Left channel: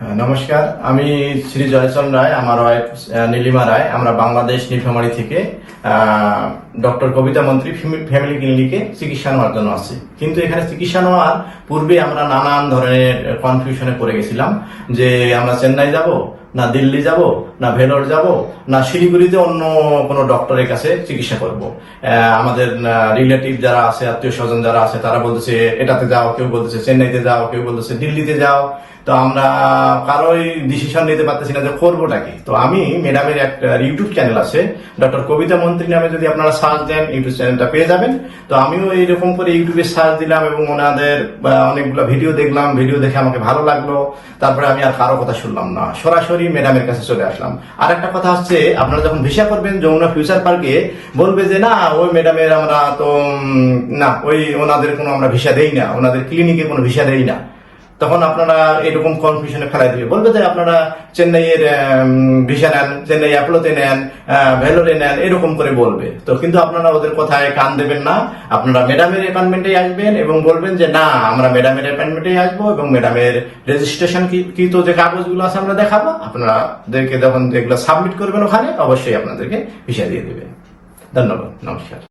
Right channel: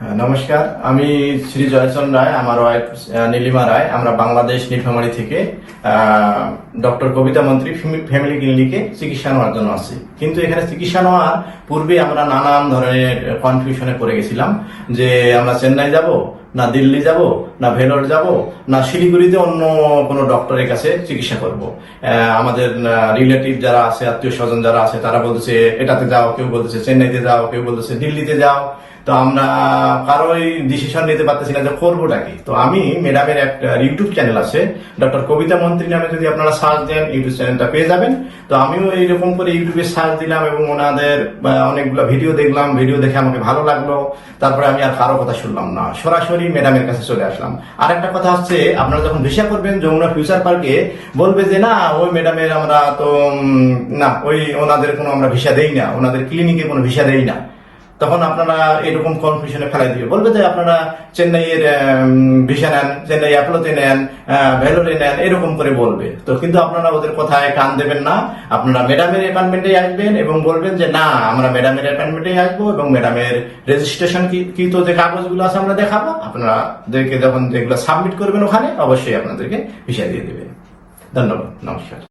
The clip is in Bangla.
হ্যাঁ, নমস্কার। আমি শ্রী জয়চন রায় আমার ওয়াইফ নীলিমা রায়। আমরা বাংলাদেশ নীলফামারী থেকে ডক্টর কবিতা মন্ত্রী ফ্যামিলি ক্লিনিকে চিকিৎসা নেওয়ার জন্য আসছি। কিন্তু এখানে চিকিৎসা নেওয়ার পূর্বে আমরা নানান ধরনের কনফিউশনে পড়ে গেছিলাম যে আমরা চেন্নাই যাব না দিল্লি যাব না ভেলোর যাব না শিলিগুড়িতে অন্য কোনো ডক্টরের কাছে চিকিৎসা করব। আমাদের রিলেটিভ যারা আছে আত্মীয় স্বজন যারা আছে তারা বলতেছে এটাতে যাও কেউ বলতেছে চেন্নাইতে যাও কেউ বলতেছে দিল্লিতে যাও। তো আমরা কারোই ডিসিশন নিতে পারতেছি না যে করবোটা কি। তো আমি ম্যাডামের একটা ইউটিউব চ্যানেল আছে ডক্টর কবিতা মন্ত্রী নামে যদি আপনারা সার্চ দেন ইউটিউব চ্যানেলটা পেয়ে যাবেন। তো আমিও এইরকম করে ইউটিউবে সার্চ দিলাম এবং ওনাদের অনেকগুলো ভিডিও দেখলাম ভিডিও দেখে আমাকে ভালো লাগল। তারপরে আমি আর কারও কথা শুনলাম না। সরাসরি ম্যাডামের কাছে চলে আসলাম। আর একটা কথা হচ্ছে, আপনারা যখন ভিসা করবেন যমুনা ফিউচার পার্কে, বলবে যে, না, ওই ম্যাডামের আমরা তো না, ওই ওনাদের কোনো আমরা ভিসা দেই না। ওনাদের ক্লিনিকে কোনো ভিসা দেই না। তখন আপনারা এরকম কনফিউশনে ফেলাই দিবে বলবে যে আপনারা চেন্নাইয়ের ভিসা নেন, চেন্নাই অ্যাপলোতে নেন ভেলোরে নেন, এরকম করে বলবে। তো কিন্তু আপনারা ওদের কথায় কান দেবেন না। আপনারা ম্যাডামের অ্যাপয়েন্টমেন্টে আসবেন এবং বলবেন যে, না, আমরা ম্যাডামের অ্যাপয়েন্টমেন্টে আসব এবং ম্যাডামের রেজিস্ট্রেশন কি তো যে কাগজগুলো আছে আমরা দেখাবো। আপনারা দেখে যখন এগুলো সাবমিট করবেন ওখানে, অবশ্যই আপনাদেরকে ভিসা দিয়ে দেবে। ধন্যবাদ, নমস্কার।